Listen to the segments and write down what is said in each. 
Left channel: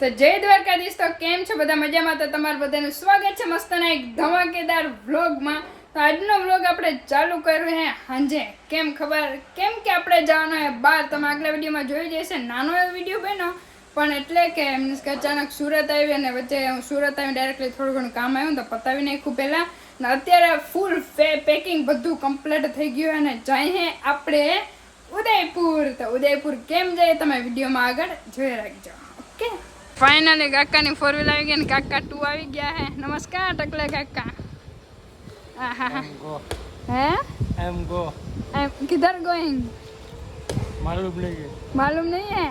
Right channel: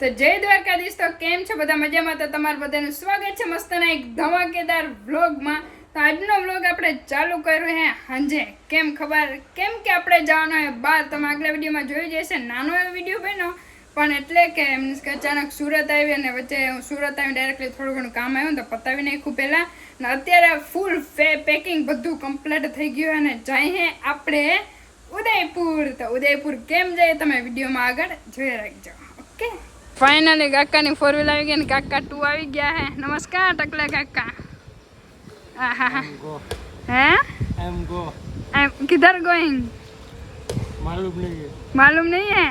તો જય દ્વારકાધીશ. તો કેમ છો બધા? મજામાં? તો તમારું બધાનું સ્વાગત છે મસ્તના એક ધમાકેદાર વ્લોગમાં. તો આજનો વ્લોગ આપણે ચાલુ કર્યો હે સાંજે. કેમ ખબર? કેમ કે આપણે જવાનો હે બહાર. તમે આગલા વિડીયોમાં જોઈ જશે, નાનો એવો વિડીયો બન્યો, પણ એટલે કે મીન્સ કે અચાનક સુરત આવી અને વચ્ચે હું સુરત આવી ડાયરેક્ટલી થોડું ઘણું કામ આવ્યું તો પતાવી નાખ્યું પહેલાં. ને અત્યારે ફૂલ પેકિંગ બધું કમ્પ્લીટ થઈ ગયું અને જઈએ આપણે ઉદયપુર. તો ઉદયપુર કેમ જાય તમે વિડીયોમાં આગળ જોઈ રાખજો. ઓકે, ફાઇનલી કાકાની 4 વ્હીલ આવી ગઈ ને કાકા 2 આવી ગયા હે. નમસ્કાર ટકલે કાકા. હે एम गो किधर गोइंग? मालूम नहीं है, मालूम नहीं है.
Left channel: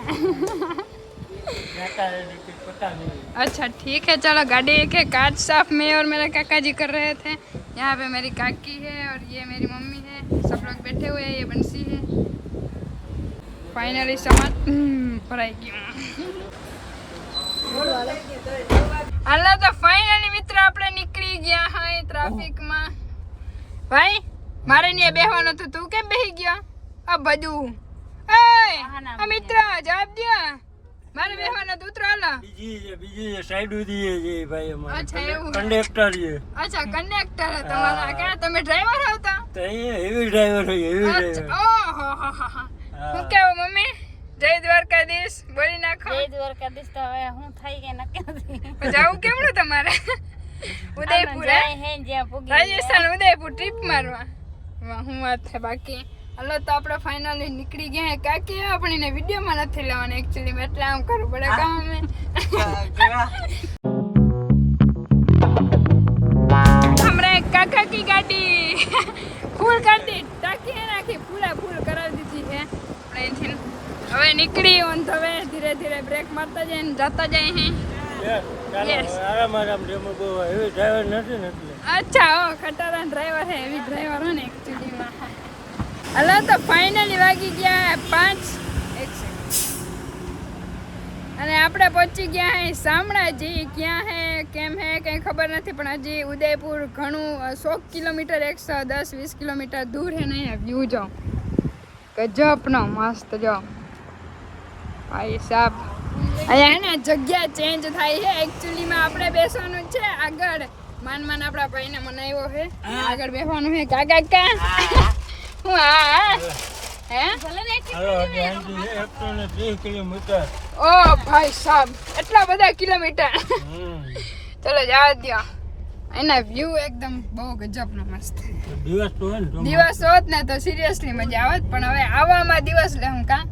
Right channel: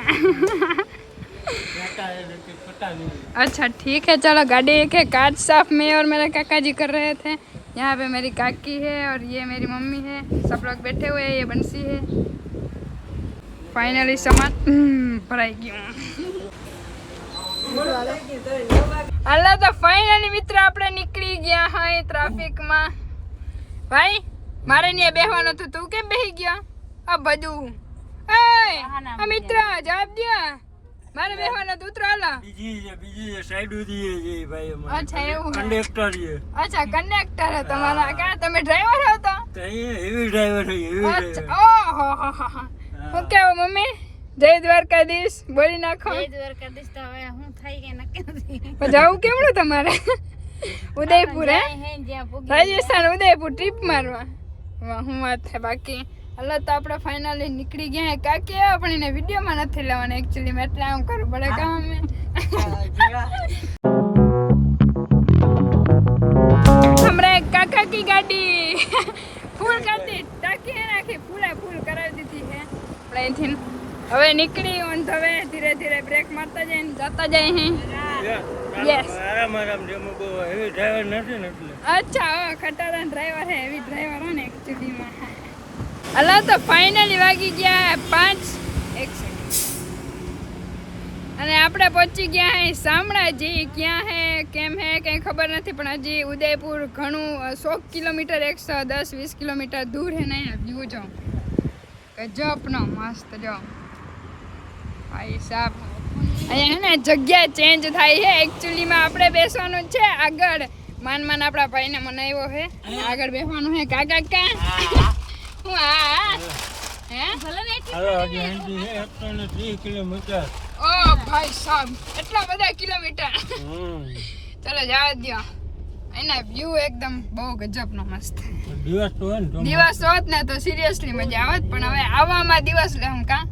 जाता है लेकिन पता नहीं. अच्छा ठीक है, चलो. गाड़ी के कांच साफ मैं और मेरे काका जी कर रहे थे. यहाँ पे मेरी काकी है और ये मेरी मम्मी है. सब लोग बैठे हुए हैं. ये बंसी है. फाइनली सामान भराई गया. अल्लाह तो फाइनली मित्र આપણે નીકળી ગયા હા ટ્રાફિકમાં. ભાઈ મારે ને બેહવાનો તો તું કેમ બેહી ગયો? આ બધું એ મિત્ર જવાબ દે. મારે બેહવાનો તો ઉતરો. હાલો બીજી સાઈડ ઉધી છે ભાઈ અમારે. અચ્છા એવું કંડક્ટર છે. અચ્છા કંડક્ટર હે તમારા. કા તમે ડ્રાઈવર હો? તો હેવી ડ્રાઈવર છે, હેવી ડ્રાઈવર. ઓહો હું કેવું મમ્મી? જય દ્વારકાધીશ બોલી નાખો. જય દ્વારકાધીશ. તો હવે હું થઈ કે નક્કી નથી. જવું કેવડું તમારે? ઉદયપુર હે? હે જ્યાં પૂગી રાજસ્થાન ઉદયપુર ટ્રીપ મારવા. વાહ હું વાત છે. બાકી હલો તો આપણે ફાઇનલી નીકળી ગયા હે. કાકી પણ એને વિડીયોમાં નથી લેવાના એકચ્યુઅલી મેં એટલે આમ કરવું પડે કામ. હમણાં એક કાકા કી ગાડી ફૂલ ગાડી ટાંકી હે નાખી પૂરા ફૂલ કરાવી દીધી છે. આપણે હવે નીકળી ઓન ધ વે. ધીરે ધીરે બ્રેક મારતા જાય ને જતા જાય હે. Yes. આરામ આરામ જેમ બહુ હેવી ડ્રાઈવર નથી ને એટલે. અચ્છા ઓ ખટારા ડ્રાઈવર હે, હેવી ડ્રાઈવર હે ને એકચ્યુઅલીમાં. હલો તો ફાઇનલી વાગી ગયા 5 અને આપણે પહોંચી ગયા હે શામળાજી. ક્યાં હે કેમ હે કંઈ ખબર નથી, પણ હજી ઉદયપુર ઘણું 100 કિલોમીટર 110-20 કિલોમીટર દૂર હે ને. અહીંયા વ્યૂ જો ગજબનો મસ્ત જો ભાઈ સાહેબ. અહીંયા હે ને જગ્યા ચેન્જ થાય છે એકચ્યુઅલીમાં. આપણે બેસવાનું છે આગળ. માન આપણા ભાઈને મનાવ્યો છે આગળ બેસવાનું છે. કાકા કા હું હે હાલો હજી આંટી છે 130 કિલોમીટર. ઓ ભાઈ સાહેબ એટલા બધા કિલોમીટર. ચલો જવા દો. એના વ્યૂ એકદમ બહુ ગજબનો મસ્ત. દિવસ તો હોય ને દિવસ હોત ને તો સિરિયસલી મજા આવત, પણ હવે આવવામાં દિવસ લે હું કા.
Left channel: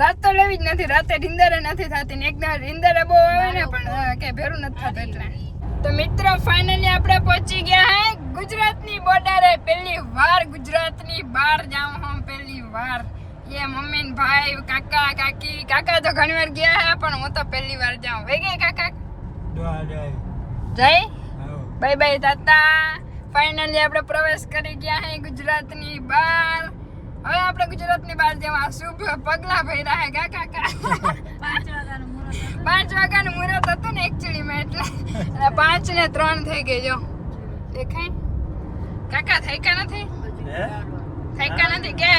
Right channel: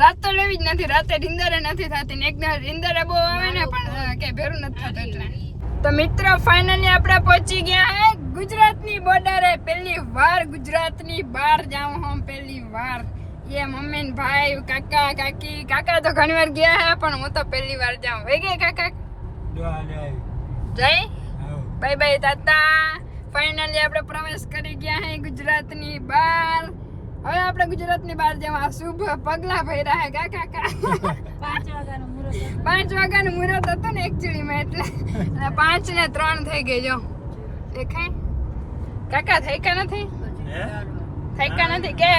રાત તો લેવી જ નથી. રાતે નીંદરે નથી થતી ને એકદમ નીંદરે બહુ આવે ને પણ કે ભેરું નથી થતું એટલે. તો મિત્રો ફાઇનલી આપણે પહોંચી ગયા હે ગુજરાતની બોર્ડરે. પહેલી વાર ગુજરાતની બહાર જાઉં હું, પહેલી વાર. ये मम्मी ने भाई काका काकी. काका तो घણી વાર ગયા હે પણ હું તો પહેલી વાર જાઉં. વઈ ગઈ કાકા? જય બાય બાય તાતા. ફાઇનલી આપણે પ્રવેશ કરી ગયા હે ગુજરાતની બહાર. હવે આપણે ગુજરાતની બહાર જવા શુભ પગલા ભર્યા હે કાકા. 5 વાગ્યાનું મુહૂર્ત 5 વાગ્યાનું મુહૂર્ત હતું ને એકચ્યુઅલી મેં એટલે 5 ને 3 થઈ ગઈ. જો દેખાય કાકા થઈકા નથી? થઈકા નથી કે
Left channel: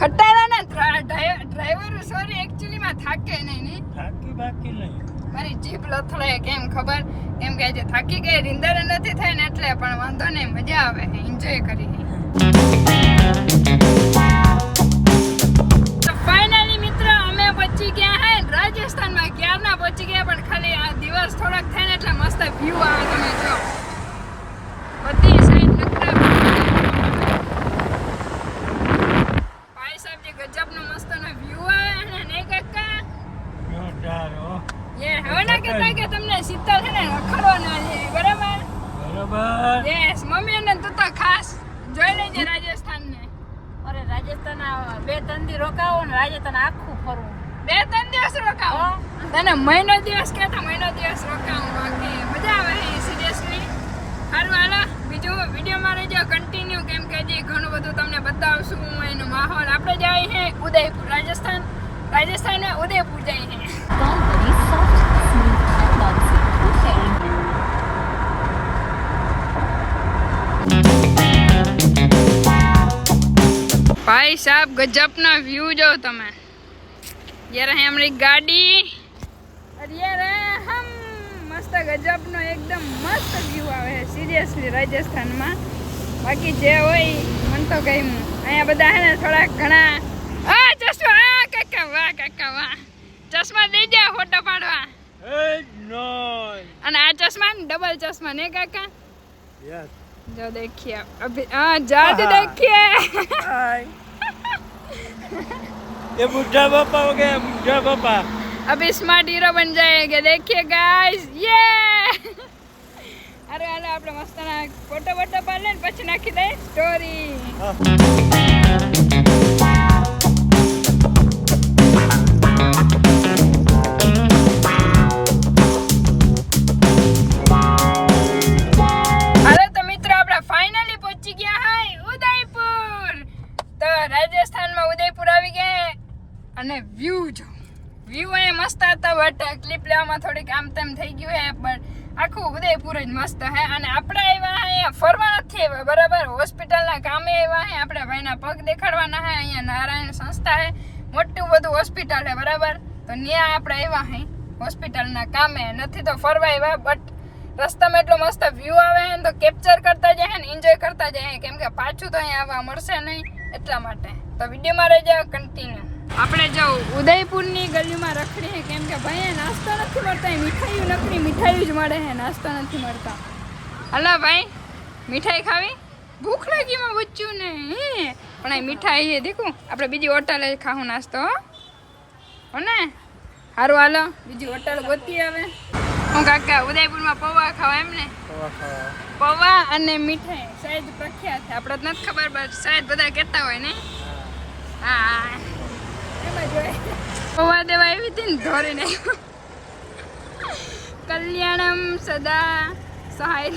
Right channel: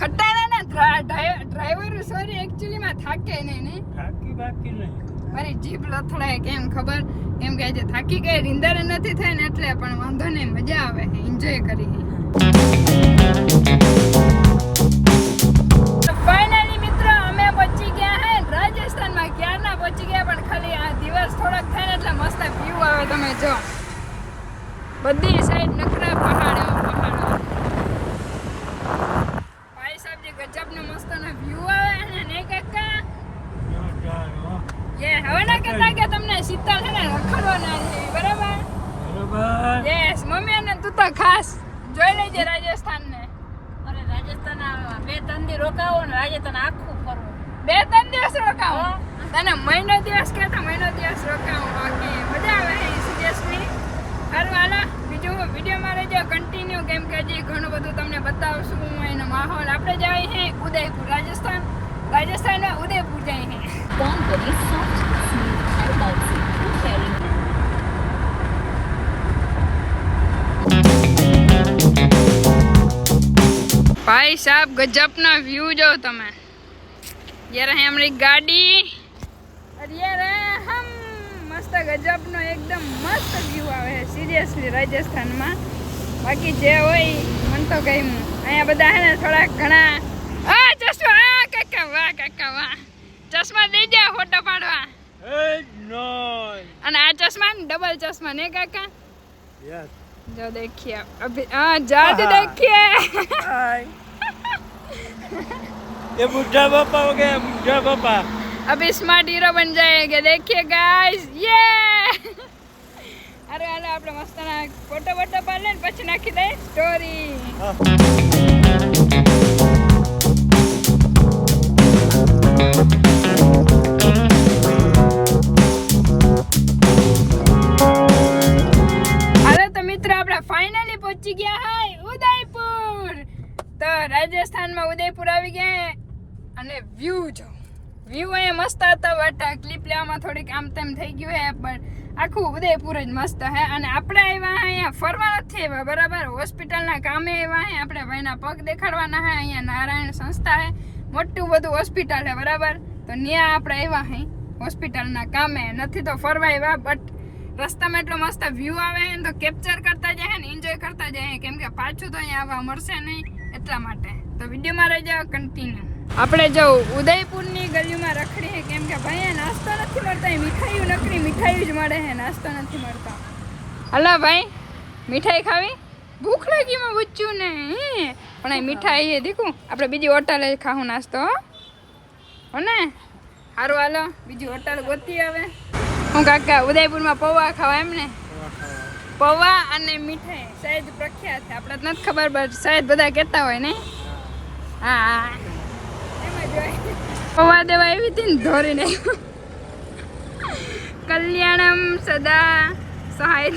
ખટારા ને ડ્રાઈવર સોરી એકચ્યુઅલીમાં થાકે નહીં. થાકી બાકી નહીં. મારી જીભ લથડાય કેમ ખબર? કેમ કે આજે થાકી ગઈ રીંદર નથી થાય ને એટલે. પણ વાંધો નહીં, મજા આવે, એન્જોય કરી. તો ફાઇનલી મિત્રો અમે પહોંચી ગયા હે રાજસ્થાનમાં. ક્યારના પહોંચી ગયા પણ ખાલી આ દિવસ થોડોક થાય ને એટલે મસ્ત વ્યૂ આવે. તમે જો બધી સાઈડ ભાઈ સાહેબ જે ગજબનો મસ્તનો વ્યૂ આવે ને કાકા. યે હવે ના કહેતા કે તમને શીતળ છે ને રખડવાના છે બરાબર? બરોબર. યસ મમ્મી અને તું તો ખાસ જોઈ લેજે રાજસ્થાન ને. અરે રાજસ્થાન 2-3 દી રોકાવો ને રાજસ્થાન આખું ફરવું. 2-3 દિવસ રોકાવો? તને મહિનો દિવસ કહેતા મહિનો દિવસ રોકાવો. બાકી મજા આવે સિરિયસલી. સારું હાલો બીજું વિડીયોમાં રહેજો કન્ટિન્યુ, કેમ કે હજી ઘણું બધું તમને બતાવશું હું એનો માહોલ. આપણે જઈએ હે ઉદયપુર રાજસ્થાન. રાજસ્થાન में उदयपुर जाए हैं. भाई साहब गजब ना व्यू जो तमें. ये रहे हमारी गाड़ी. અરે હમ મસ્ત ગજબનો એકદમ મસ્ત વ્યૂ આવે છે સિરિયસલી રાજસ્થાનમાં. બાકી જે હોય મન તો ગમ્યું. અહીંયા બધા હે ને થોડાક ઘણા ચશ્મા કાકા વાહ ચશ્મા દઈ દે ફોટો પાડવા. અને આ ચશ્મા ને ડબલ ચશ્મા ને કાકા जो देखिए अभी जाद देखिए ये बुढ़ा पापा हो गया, बुढ़ा पापा. अभी स्मार्ट हीरो बन जाएंगे देखिए गाइस ये अरे હાલો આપણે મસ્ત ના ફોટો વોટો પાડી લઈને પછી નાખી દઈએ સ્ટોરી. રાજસ્થાનમાં ઉદયપુર આવી ગયા અને વ્યૂ જો વ્યૂ અહીંયા મસ્ત હતા બટ ક્લિપ લેવામાં થોડીક આમ તેમ થઈ ગયું હે બટ આખું ઉદયપુર જ મસ્ત હે. અને આપણે આવ્યા અહીંયા ફરવા નથી આવ્યા બરાબર, હોસ્પિટલના કામે આવ્યા હે. આપણા ભાઈના પગ દેખાડવાના હે. અહીંયા નારાયણ સંસ્થા હે, મોટું બધું હોસ્પિટલ હે બરાબર. તો ત્યાં આપણે આવ્યા હે હોસ્પિટલના કામે, નથી તો ફરવા આવ્યા. બટ રસ્તામાં એટલો મસ્ત વ્યૂ આવે હે તો કેપ્ચર કરતા જાય ને એન્જોય કરતા જાય કેમ કે પાછું તો અહીંયા આવવા મળશે નહીં એટલા માટે. તો વિડીયોમાં રહી જાવ કન્ટિન્યુ. આપણે જો ઉદયપુરની ગલીમાં રખડીએ કેમ કે ભાઈ નાસ્તો નથી મળતા, મીઠાઈઓ નકરી મીઠાઈઓ જ મળે છે, નાસ્તો નથી મળતા. હલા ભાઈ મીઠાઈ ખાવી? ભૂખ લાગીમાં બચ્ચું ને પણ અહીં મીઠાઈ એ દીકું આપણે બીજી હોટલે ખાવું નાસ્તો હો ને. સારું હાલો બીજી હોટલ ગોતી આવે. હું કાકા ઉદયપુરમાં પૌવા ખાવા એમ ને? પૌવા અને મીઠાઈ શાયદ પ્રખ્યાત છે, આપણે તો નથી ખબર બટ શાયદ બધા કહેતા હોય ને. હા એમાં જોઈ પૌવા દેવા આવી હતી ને ધોરીને કલ્યાણમ સદા સહાય.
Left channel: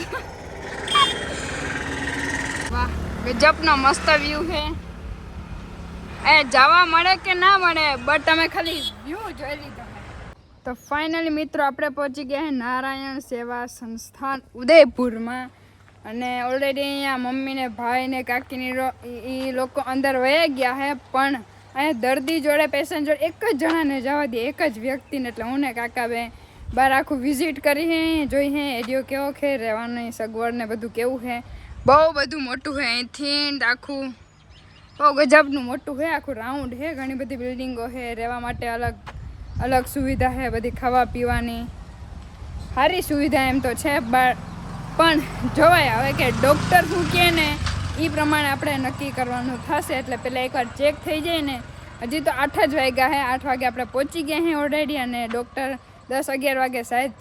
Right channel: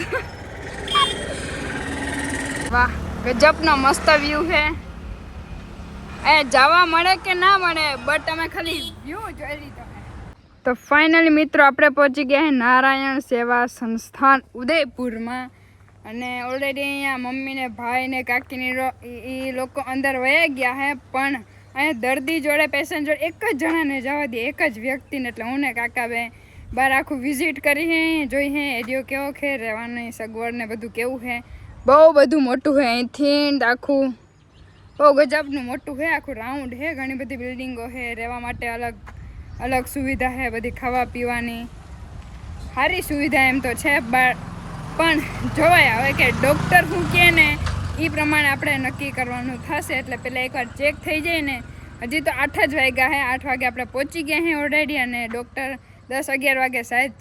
વાહ ગજબનો મસ્ત વ્યૂ છે. એ જવા મળે કે ના મળે બટ તમે ખાલી વ્યૂ જોઈ લીધો. તો ફાઇનલી મિત્રો આપણે પહોંચી ગયા છે નારાયણ સેવા સંસ્થાન ઉદયપુરમાં. અને ઓલરેડી અહીંયા મમ્મીને ભાઈને કાકીની એ લોકો અંદર વયા ગયા છે પણ અહીંયા દર્દી જોડે પેશન્ટ જોડે એક જ જણાને જવા દે, એક જ વ્યક્તિને. એટલે હું ને કાકા બે બહાર આખું વિઝિટ કરી છે, જોઈ છે એરિયો કેવો છે, રહેવાની સગવડ ને બધું કેવું છે. બહુ બધું મોટું છે અહીંથી આખું, બહુ ગજબનું મોટું છે, આખું રાઉન્ડ છે. ઘણી બધી બિલ્ડિંગો છે, રહેવા માટે અલગ અલગ સુવિધા છે, બધી ખાવા પીવાની સારી સુવિધા એમ તો છે. પણ જોવાય આવે કે ડૉક્ટર શું કહે ને એ પ્રમાણે આપણે નક્કી કરવાનું થશે. એટલે પહેલાં એકવાર ચેક થઈ જાય ને. હજી તો 8 જ વાગ્યા છે, 8 વાગે આપણે પહોંચી ગયા છીએ ઓલરેડી. અને ડૉક્ટર 10-11 વાગે શાયદ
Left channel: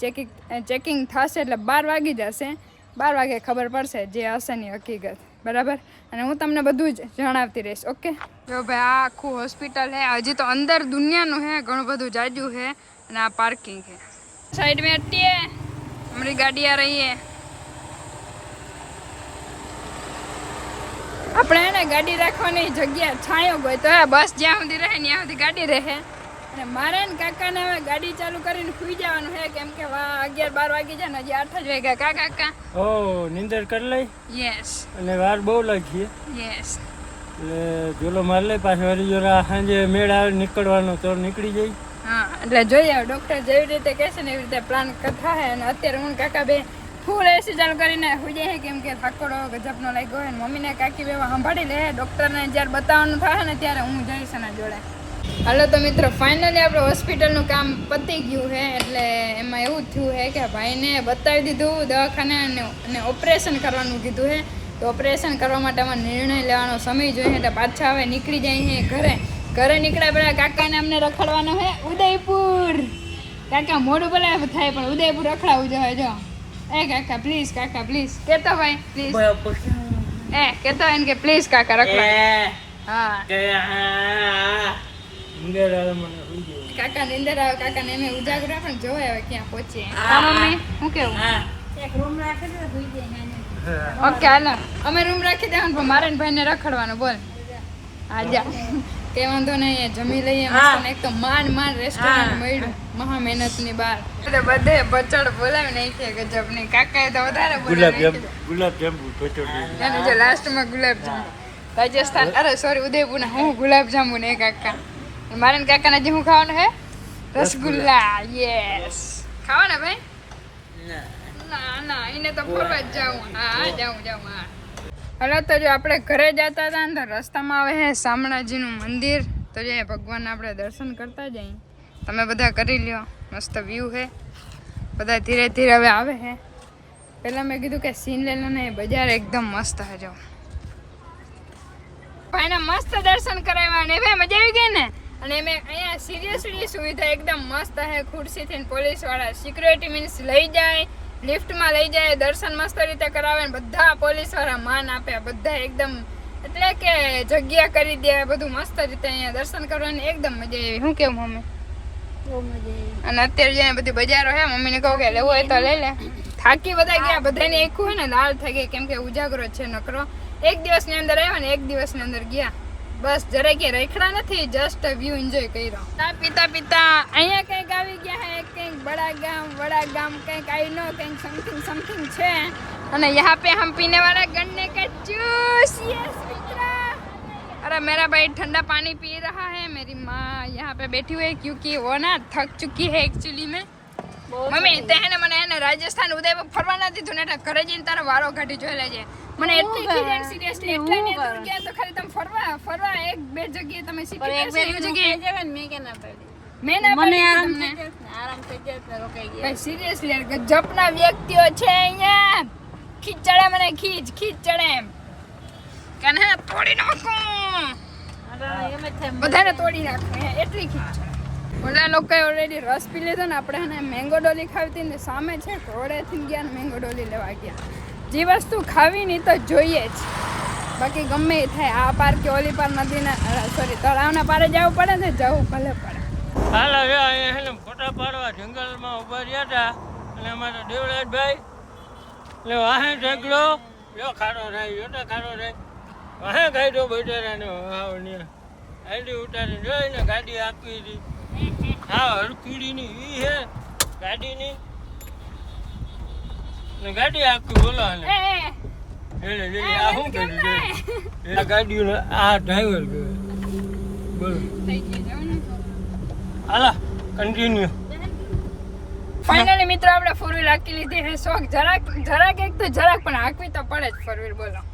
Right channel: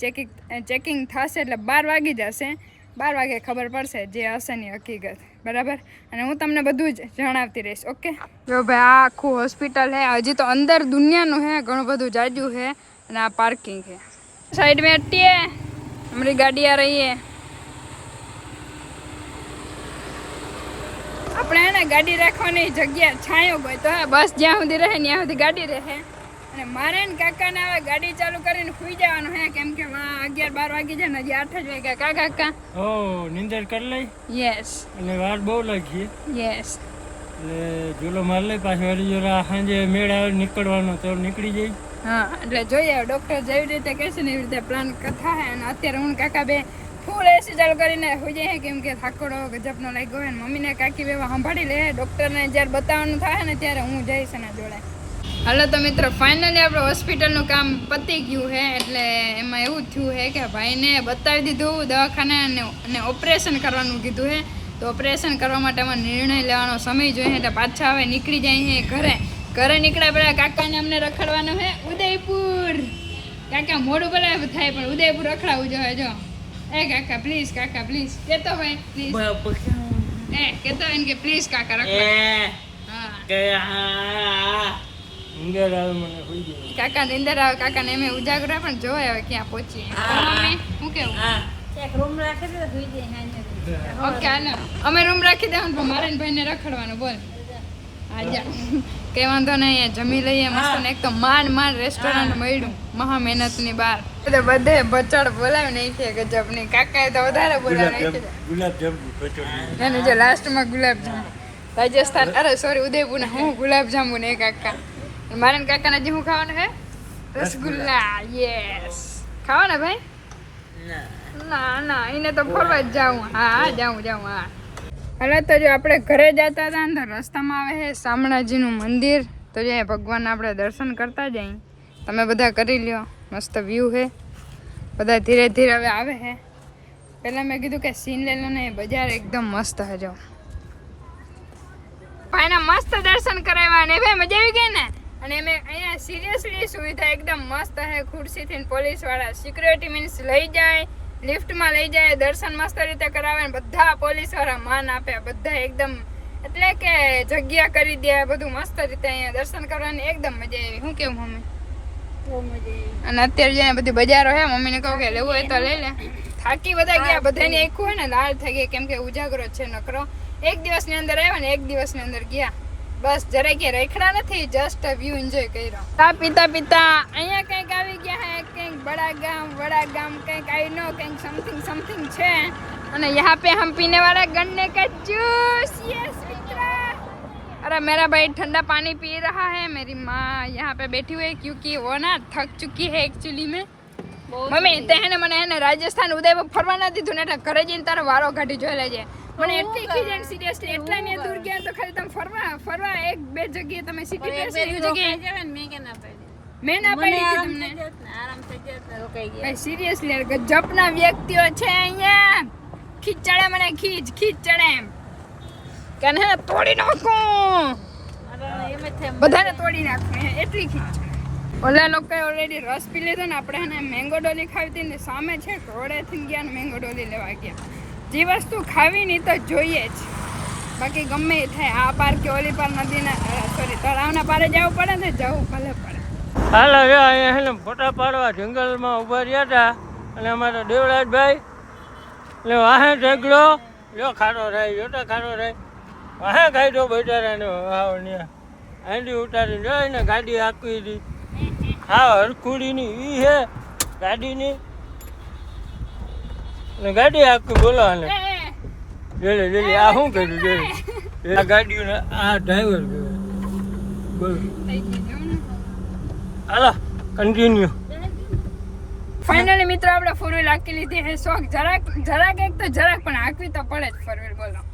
ચેકિંગ થશે એટલે 12 વાગી જશે. 12 વાગે ખબર પડશે જે હશે ની હકીકત બરાબર. અને હું તમને બધું જ જણાવતી રહીશ. ઓકે જો ભાઈ આ આખું હોસ્પિટલ છે, હજી તો અંદર દુનિયાનું છે, ઘણું બધું જાજુ છે. અને આ પાર્કિંગ છે. સાઈડ में हटिए, हमारी गाड़ी आ रही है. આપણે હે ને ગાડી રાખવાની જગ્યા છાંયો ગયો તો બસ જ્યાં સુધી રહે ત્યાં સુધી ગાડી રહે. અને મારે ને કાકાને હવે ગાડી ચાલુ કરીને સુઈ જવાનું છે કેમ કે 11-12 વાગી જાય ને હજી 8 જ વાગ્યા. કાકા ઓ નિંદર કરી લઈ. યસ. અને વાર બહુ લાગી. યસ. એટલે જોલો માર લઈ પાછો વળી જોરા સાંજે મેળ આવે નીકળવાનો તો નીકળી જાય. હા એટલે જોઈએ ડૉક્ટર જેવી રીતે કહેશે ને એવી રીતે પ્લાન થાય. અને અત્યારે હું કાકા બે ફૂલ એસી ચાલુ કરીને હોઈ જાય કેમ કે થાકોડો ગજબનો લાગ્યો હોય. મમ્મીને કાકી બેવા સંભાળી લે. ડૉક્ટરને જ્યારે બતાવવાનું થાય ને ત્યારે હું જઈશ એના જોડે. હાલો તો મિત્રો ફાઇનલી આપણે હોસ્પિટલનું કામ પતી ગયું છે. એટલે એમાં એવું થયું છે કે ભાઈને બતાવી દીધું દવાખાને અને ઓપરેશન કરવાનું કીધું છે. તો ઓપરેશન કરવા માટે અમારે નિર્ણય લેવાનો સમય જોઈએ એટલે પાછા હવે નીકળી જાય છે ઘરે નીકળ્યા પહેલાં કાકાને અમને રખડવાનું છે ઉદયપુર. કાકા મોડું ભલે થાય પણ ઉદયપુર રખડાવું જોઈએ. જો એ કાકા પ્લીઝ, કાકા પ્લીઝ કહેતો ભાઈ પ્લીઝ, કહેતો હોય ને કે પ્લીઝ કાકા રખડા. હા નીંદર આવે મને હોઈ જાય. કાકા નીંદર આવે, કાકાને એમ ઉજાગરો પણ જોવાય હવે ક્યાં પહોંચીએ. મમ્મી શું કેવું? એક રૂમ રાખી દે સુઈ જાય નાની. ઓકે હાલો અમે રૂમ રાખી દેવાનું પણ મારે ને ભાઈને રખડવાનું. બોલ આજા કઈ વાંધો નહીં, જમી લઈએ મસ્ત. એક તો માંડ રેસ્ટોરન્ટ મળ્યું મહા મહેનતની બહાર. બધે બચડ બોલાવી નાખીએ ગજબની. કાકાએ તો વધારે બોલાવી નાખી. ગુલાબજાંબુ એને જો લાસ્ટમાં ગુલાબજાંબુ રાજસ્થાન, અરે સોરી ઉદયપુર ના હું ગુલાબજાંબુ ને કાકા. મારે ને કાકાને જે હું ખાવાનું હે રસગુલ્લા યસ ખાવા ને ભાઈ ના ના એને તો ફરવા જ જાઉં હા જાઉં હા હવે તો જો આપણે ઘરે જતા હતા ને તો રસ્તામાં આવે છે શામળાજીનું મંદિર તો જે ભગવાન આપણે દર્શન કરતા જઈએ તમે બધા કરી લ્યો મસ્ત વ્યૂ છે બધા ધીરે ધીરે હવે આવે છે પહેલાં મેં કીધું કે સીન લઈ લો ને બજાર એકદમ મસ્ત છે જો ભાઈના મસ્ત દર્શન કરાવ્યા ને ભાઈ મજા આવી ગઈ ને અને અમે અહીંયા સિરિયસલી સુવિધા એકદમ મસ્ત છે ખુરશીથી પોલીસવાળા સિક્યુરિટી મીન્સ લઈ જાય લિફ્ટમાં લઈ જાય દર્શન મસ્ત રીતે કરાવે ને બધા પોલીસવાળા માન આપે બધા એકદમ એટલે કે જગ્યા કરી દે બધું મસ્ત રીતે અહીંયા દર્શન કરવાની એકદમ મજા આવી શું કેવું મમ્મી બહુ મજા આવી અને અત્યારે જેને બધી બજારો હે મમ્મીને કહું કે લેવું હોય તો લઈ લે થાકી બધા ગયા બધાની આખું હોય ને લાલ થઈ ગઈ કેમ કે ઉજાગરો છે નકરો એક દિવસની અંદર આવ્યા ને એક દિવસની અંદર ગયા બસ જરાય કે રેખડા નથી જસ્ટ વ્યૂ એન્જોય કર્યો તા પીતા અહીંયા કંઈક આવી ગયા હે કંઈક વડા ગામ કંઈક આઈ નો કંઈક સમથિંગ છે અને यहाँ पे हम पीने वाला गन्ने का जूस यस मित्रा अरे मेरा भाई ठंडा पानी पी रहा है मेरी माँ यहाँ पे बैठी हुई है क्योंकि वो ना थक चुकी है एक्चुअली में મમ્મી તે હે ને મને હે ને રાજસ્થાન ઉદયપુર ફરવા નથી દીધું ને એટલે ઘરે જઈને તારો વારો કાઢી જોઈ લેજે મને એટલી ખીજાણ સિરિયસલી એટલા ને દૂર ગયા તો ખાલી તમે ફરવા એક બે જગ્યાએ તમે સિટી પેસે એક જગ્યાએ મેં કે ના પાડી મેં ના પાડી કે તમને આરામ થઈ જાય તો રોકાઈ ગયા સિરિયસલી ગજબના વ્યક્તિઓ છે અહીંયા ખીચ ચડે મને ખીચ ચડે એમ કે ને તોડી નાખો એમ જ થાય બધાને તોડી નાખો એટલી ખીચ ઓલા લોકોએ ઓલરેડી રસ પી લીધો ને આપણે એને મેંગો ડોલી ખાવી હતી ને સામે છે ઘોડેથી ગયા ને મેંગો ડોલી લેવા ગયા જે વસ્તુ ખાવી નહીં તો જોઈએ જ બાકી ગમે એ થાય આ પાર કે ઓલી પાર નદીના સોરી તળાવના પારે જવું પડે ને જવું ભલે પડે હાલ હવે અહીંયા છે ને ફોટા પાડવા જંગલમાં ઊભા રહ્યા હતા અને અમારા દેવરાજભાઈ એટલે વાહે ઢગલો યો ખાડો રહી યોટા ખાડો રહી વાહે ગાડો બેઠારાને વાવ ને હાંડી ઉતારી જોઈને ગાડી આખી હતી હા હરખુડીની ઈ હે ગાડીની ને ગાડી આખી બોલો ને જોડે આ શું કર્યું જોડે આ ગાડીઓ આ ડ્રાઈવર કહેવાય બોલો હાલો કન્ટિન્યુ ફાઇનલી મિત્રો આપણે ફોર વ્હીલ હાંકી લીધી છે શોખ જરાક એક તો જરાક પણ હાંકવી તો પડે જ ફોર વ્હીલ બોલો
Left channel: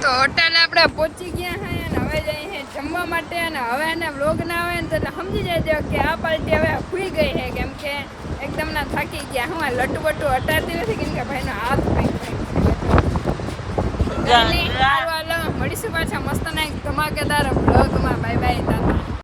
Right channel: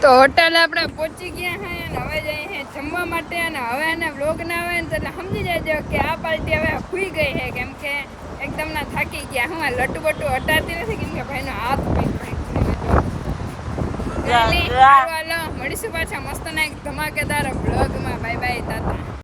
તો હોટલે આપણે પહોંચી ગયા હે અને હવે જઈએ છે જમવા માટે અને હવે એને વ્લોગ ના આવે ને તો એટલે સમજી જજો કે આ પાર્ટી હવે ખુઈ ગઈ છે કેમ કે એકદમ ના થાકી ગયા હું લટુ બટુ હટાતી નથી કેમ કે ભાઈનો હાથ મળીશું પાછા મસ્ત ના એક ધમાકેદાર વ્લોગમાં બાય બાય તાતા